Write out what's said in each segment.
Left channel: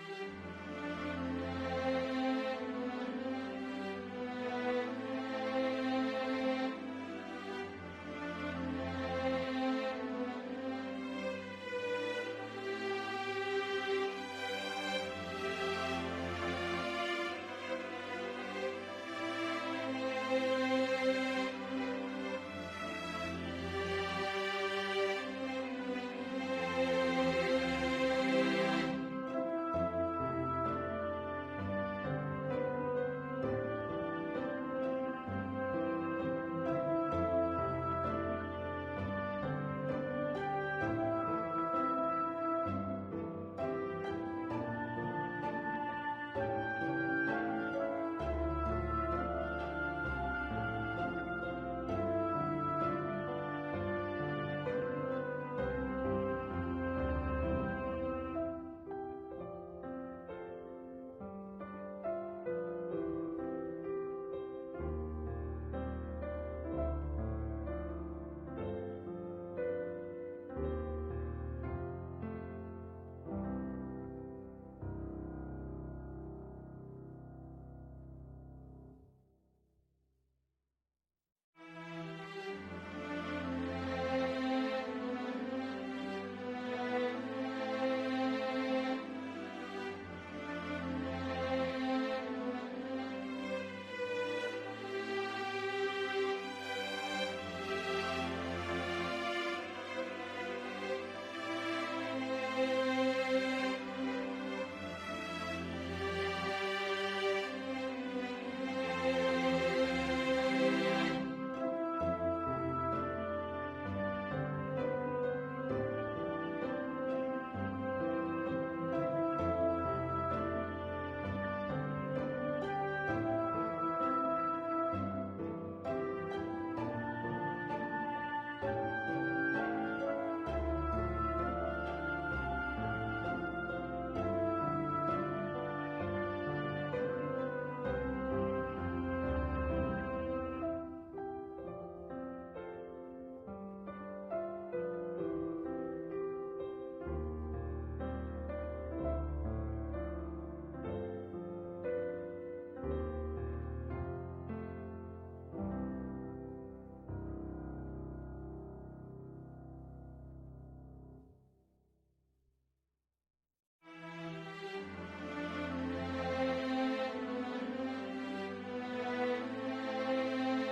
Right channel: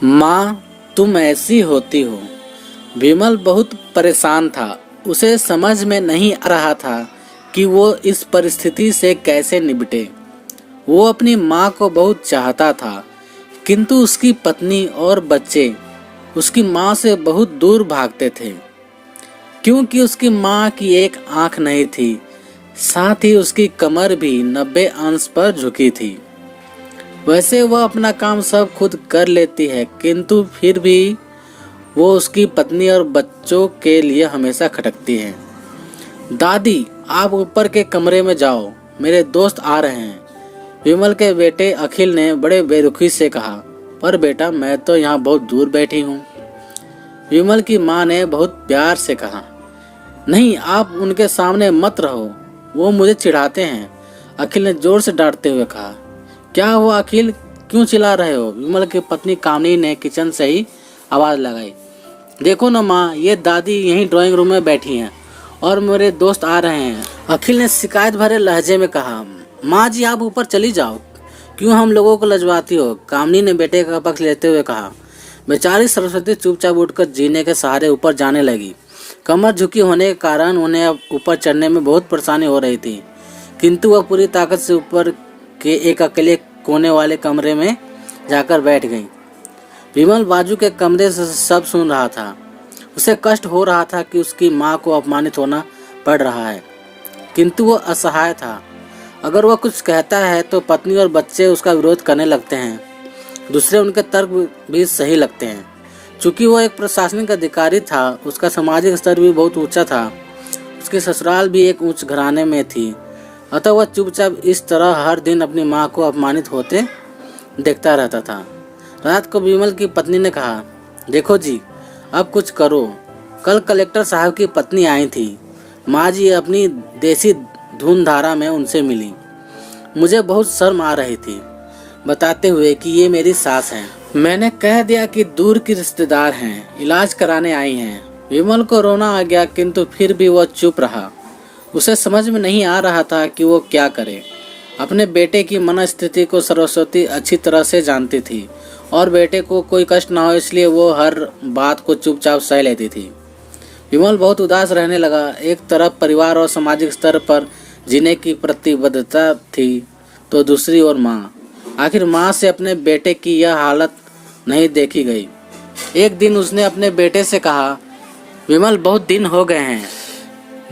माँ, तुम ऐसी होती हो। विमल बहुत परेशान था। उसे समझ में नहीं आ रहा था कि वो इस परिस्थिति से कैसे निपटे। वो अपनी माँ को बहुत चाहता था, किंतु उसकी पत्नी और बच्चे उसकी माँ से बहुत दूर भागते थे, क्योंकि उसकी माँ की एक आंख नहीं थी, साथ ही उसकी कमर भी 90 अंश पर झुकी थी। वैसे वह अपना काम सब खुद कर लेती है, किंतु फिर भी वो उसकी पत्नी और बच्चों के लिए हमेशा खटकती है। दादी, आप ऊपर के कमरे में जाओ, मेरे दोस्त आ रहे हैं। विमल के बेटे अखिल ने बड़े बेरुखी से कहा। पर बेटा, मैं तो यहाँ बहुत दूर बैठी हूँ। विमल की माँ ने बहुत प्यार से कहा। नहीं, आप उनके सामने मत रहो, वो मुझे चिढ़ाते हैं। अखिल ने जोर से डांटते हुए कहा। क्या हुआ अखिल, क्यों चिल्ला रहे हो? विमल की पत्नी कामनी ने किचन से ही आवाज लगाई। देखो ना माँ, ये दादी यहीं ड्राइंग रूम में बैठी हैं और मेरे दोस्त आ रहे हैं। अखिल ने शिकायत भरे लहजे में कहा। माँ जी, आप ऊपर चली जाओ, क्यों हम लोगों को लजवाती हो? कामनी ने बेटे का पक्ष लेते हुए कहा। बेचारी सरस्वती चुपचाप उठकर जीने के सहारे ऊपर जाने लगी। कमर झुकी होने के कारण उन्हें अब ऊपर चढ़ने में बहुत परेशानी हो रही थी, किंतु वह पूरी ताकत से ऊपर के एक अकेले कोने वाले कमरे में जाकर बैठ गई। विमल बाजू के कमरे से सब सुन रहा था। उसे कष्ट हो रहा था कि उसकी माँ को अपमानित होना पड़ रहा है, किंतु वो असहाय था। अगर वह कुछ कहता है तो पत्नी और बच्चे उसका विरोध करने लगते हैं। दूसरे उनके तर्क भी सही लगते हैं। चूंकि वह एक प्रशासनिक अधिकारी था, उसका सामाजिक स्तर भी बहुत ऊंचा था। उसके ससुराल भी एक उच्च घराने में थी, अतः वह चुपचाप इस तरह हर दिन अपनी माँ को अपमानित होते देखता रहता था। रात को विमल की पत्नी ने कहा, देखो जी, अब कुछ करो। कल कलेक्टर साहब की पत्नी आई थी। माँ जी अपनी देसी धुन धारा में उनसे मिली। मुझे बहुत शर्म आ रही थी, बताते हुए कि ये मेरी सास हैं। मैंने कह दिया कि दूर की रिश्तेदार हैं, इलाज कराने आई हैं। विमल को रोना आ गया, किंतु फिर भी वह चुप रहा। उसे समझ में नहीं आ रहा था कि वो क्या करे। अपने बेटे की मनस्थिति को सरस्वती अच्छी तरह से जानती थी और बेटे को कोई कष्ट ना हो इसलिए वो हर बात को चुपचाप सह लेती थी। विमल बहुत उदास रहने लगा। एक तरफ परिवार और सामाजिक स्तर पर जीने की प्रतिबद्धता थी, तो दूसरी ओर माँ। आखिर माँ से अपने बेटे की यह हालत नहीं देखी गई। एक दिन उसने अपने बेटे से कहा, विमल, बहुत दिन हो गए हैं,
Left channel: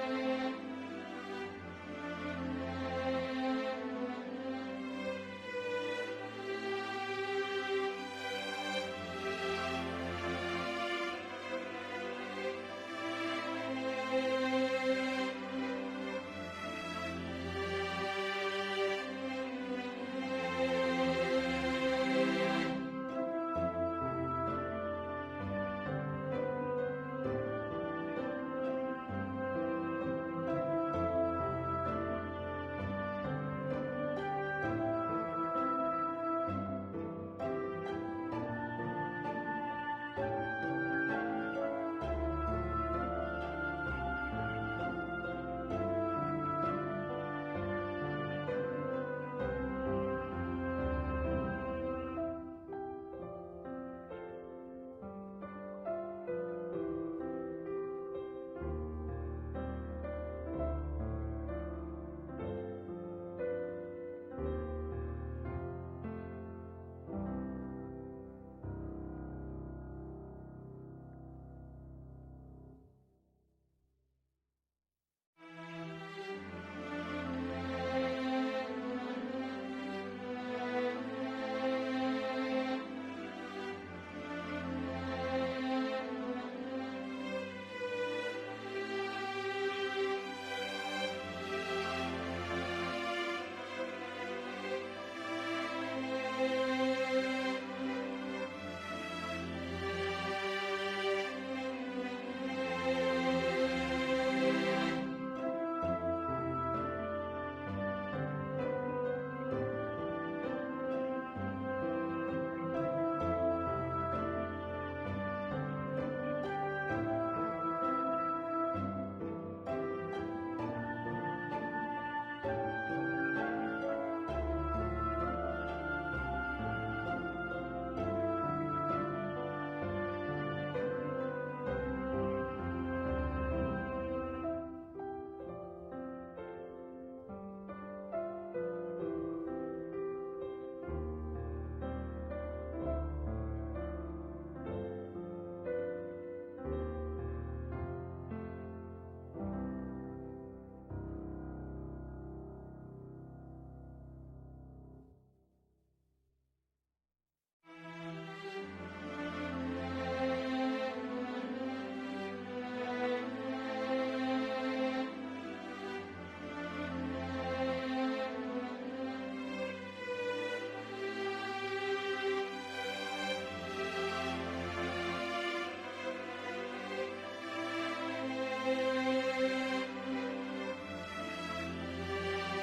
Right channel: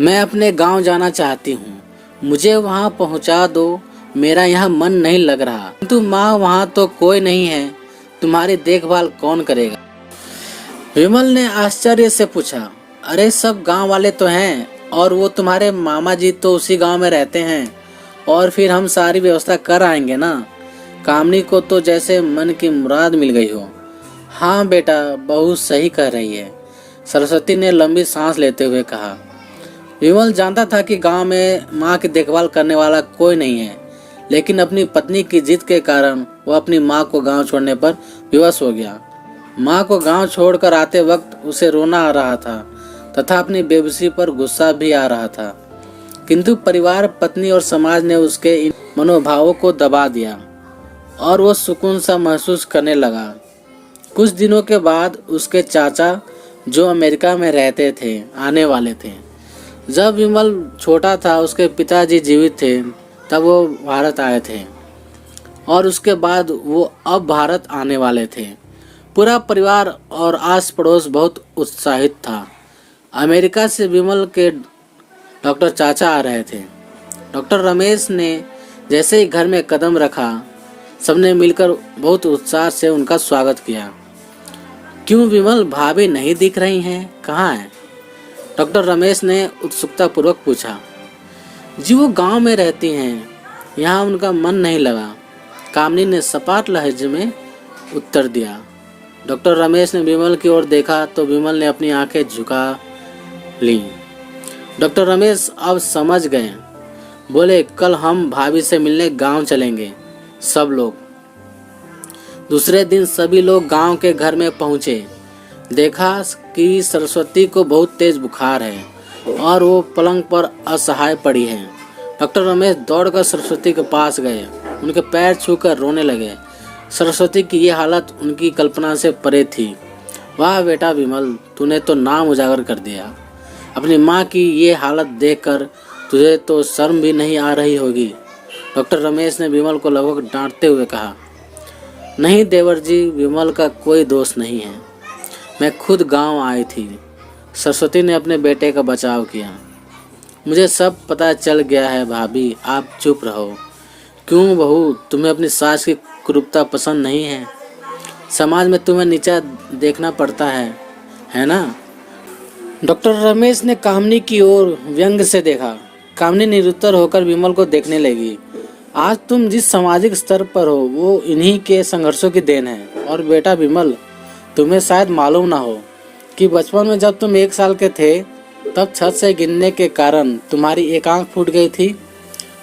मैं अपने गांव जाना चाहती हूँ, मुझे वहाँ पहुँचा दो, मेरा यहाँ मन नहीं लग रहा। किंतु माँ, वहाँ तो कोई नहीं है, तुम्हारी देखभाल कौन करेगा? विमल ने आश्चर्य से पूछा। अरे, सब गांव वाले तो हैं और वो तुम्हारे मामा जी तो उसी गांव में रहते हैं, और फिर हम सारी व्यवस्था कर आएंगे ना। कामनी को तो जैसे मन की मुराद मिल गई हो। हाँ बेटा, बहू सही कह रही है, सरस्वती ने लंबी सांस लेते हुए कहा। विमल जानता था कि गांव में माँ की देखभाल करने वाला कोई नहीं है, लेकिन अपनी पत्नी की जिद के कारण वह अपनी माँ को गांव छोड़ने पर विवश हो गया। माँ को गांव छोड़कर आते वक्त उसे रोना आ रहा था तथा अपनी बेबसी पर गुस्सा भी आ रहा था, किंतु परिवार, पत्नी और समाज ने उसके इन मनोभावों को दबा दिया और वो सुकून सा महसूस करने लगा। कुछ दिनों के बाद उसके चाचा, जो अमेरिका में रहते थे, आने वाले थे। जब विमल छोटा था, उसके पिताजी जीवित थे, तब वो भारत आए थे और उसके बाद वो अब भारत आने वाले थे। पूरा परिवार और आस पड़ोस बहुत उत्साहित था। अमेरिका से विमल के डॉक्टर चाचा आ रहे थे। डॉक्टर रमेश ने जैसे ही घर में कदम रखा, सबने मिलकर बहुत उत्साह से उनका स्वागत किया। क्यों विमल, भाभी नहीं दिख रही हैं, कहाँ हैं? डॉक्टर रमेश ने उत्सुकता पूर्वक पूछा। जी, वो गांव में रहती हैं, यहाँ उनका मन नहीं लगा, कामनी ने सपाट लहजे में उत्तर दिया। डॉक्टर रमेश ने विमल की ओर देखा तो विमल ने अपनी आंखें झुका ली। डॉक्टर रमेश अब समझ गए, बोले, कल हम भाभी से मिलने गांव चलेंगे सब लोग। दूसरे दिन सभी लोग गांव के घर में पहुंचे। देखा कि सरस्वती को बहुत तेज बुखार है और वो पलंग पर असहाय पड़ी है। डॉक्टर रमेश दौड़कर सरस्वती के पास गए, उनके पैर छूकर रोने लगे। सरस्वती की ये हालत उनकी कल्पना से परे थी। वाह बेटा विमल, तूने तो नाम उजागर कर दिया। अपनी माँ की ये हालत देखकर तुझे तो शर्म भी नहीं आ रही होगी। डॉक्टर रमेश ने विमल को लगभग डांटते हुए कहा। नहीं देवर जी, विमल का कोई दोष नहीं है। मैं खुद गांव आई थी। सरस्वती ने अपने बेटे का बचाव किया। मुझे सब पता चल गया है भाभी, आप चुप रहो। क्यों बहू, तुम्हें अपनी सास की क्रूरता पसंद नहीं है? समाज में तुम्हें नीचा देखना पड़ता है ना? डॉक्टर रमेश ने कामनी की ओर व्यंग से देखा। कामनी निरुत्तर होकर विमल को देखने लगी। आज तुम जिस सामाजिक स्तर पर हो वो इन्हीं के संघर्षों की देन है। और बेटा विमल, तुम्हें शायद मालूम ना हो कि बचपन में जब तुम 1 साल के थे तब छत से गिरने के कारण तुम्हारी एक आंख फूट गई थी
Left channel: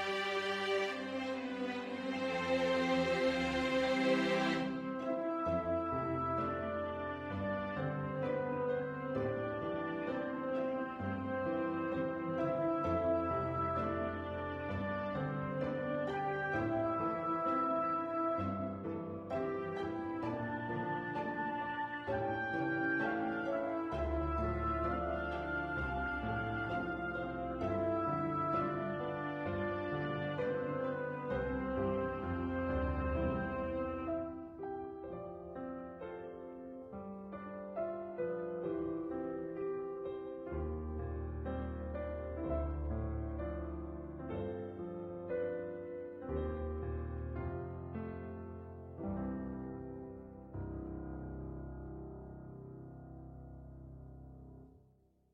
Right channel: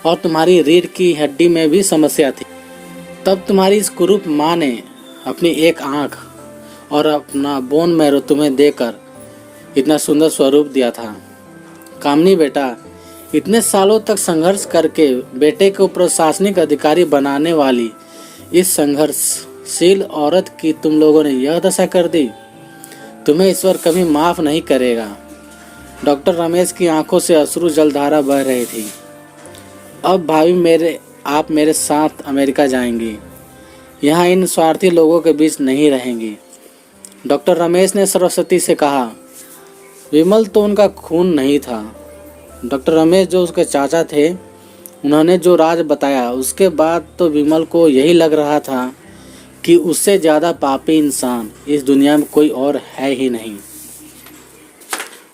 और तुम्हारी रीढ़ की हड्डी में भी समस्या थी। तब तुम्हारी इस कुरूप माँ ने अपनी एक आंख और अपना बोन मैरो तुम्हें देकर इतना सुंदर स्वरूप दिया था। कामनी बेटा, इतने सालों तक संघर्ष करके बेटे को प्रशासनिक अधिकारी बनाने वाली इस संघर्षशील औरत की तुम लोगों ने यह दशा कर दी। तुम्हें ईश्वर कभी माफ नहीं करेगा। डॉक्टर रमेश की आंखों से अश्रु जलधारा बह रही थी। अब भाभी आप मेरे साथ अमेरिका जाएंगी। यहाँ इन स्वार्थी लोगों के बीच नहीं रहेंगी। डॉक्टर रमेश ने सरस्वती से कहा। विमल तो उनका खून नहीं था। डॉक्टर रमेश जो उसके चाचा थे, उन्होंने जो राज बताया उसके बाद तो विमल को यही लग रहा था कि उससे ज़्यादा पापी इंसान इस दुनिया में कोई और है ही नहीं।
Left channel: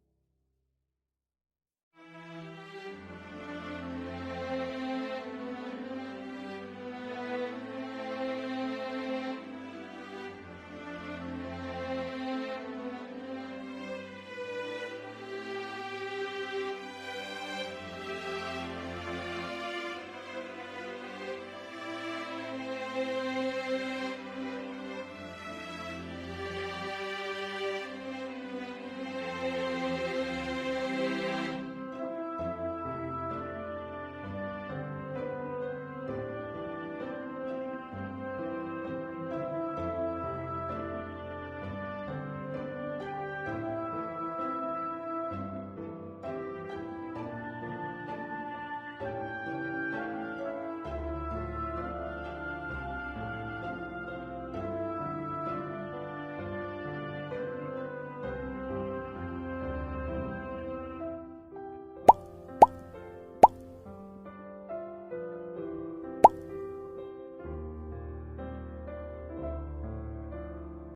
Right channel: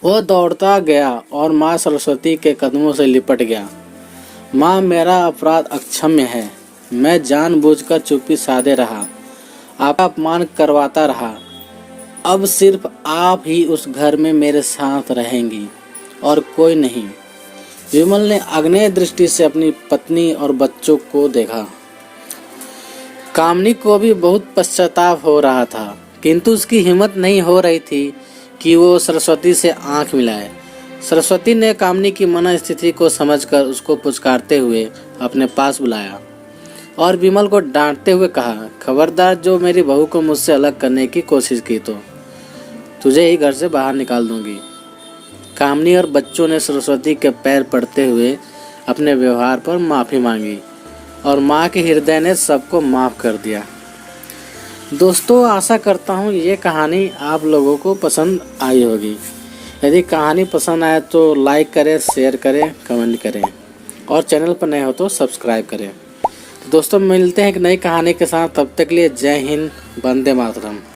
वह दौड़ता गया और माँ सरस्वती के कदमों से लिपट गया। माँ, मेरा अपराध अक्षम्य है। मैं जानबूझकर चुप्पी साधे रहा, आपका अपमान करवाता रहा। अब सिर्फ आप ही उस घर में मेरे साथ रहेंगी और कोई नहीं। विमल ने अग्नेय दृष्टि से अपनी पत्नी और बच्चों को देखा। कामनी को भी बहुत पश्चाताप हो रहा था, किंतु उसकी हिम्मत नहीं हो रही थी कि वो सरस्वती से आंख मिलाए। सरस्वती ने कामनी की मनस्थिति को समझकर उसको पुचकारते हुए अपने पास बुलाया और विमल को डांटते हुए कहा, खबरदार, जो मेरी बहू को मुझसे अलग करने की कोशिश की तो तुझे ही घर से बाहर निकाल दूंगी। कामनी और बच्चों ने सरस्वती के पैर पड़ते हुए अपने व्यवहार पर माफ़ी मांगी और माँ के हृदय ने सबको माफ़ कर दिया। दोस्तों, आशा करता हूँ ये कहानी आप लोगों को पसंद आई होगी। यदि कहानी पसंद आए तो लाइक करें, शेयर करें, कमेंट करें और चैनल पर नए हो तो सब्सक्राइब करें। दोस्तों, मिलते हैं एक नई कहानी के साथ। तब तक के लिए जय हिंद, वंदे मातरम।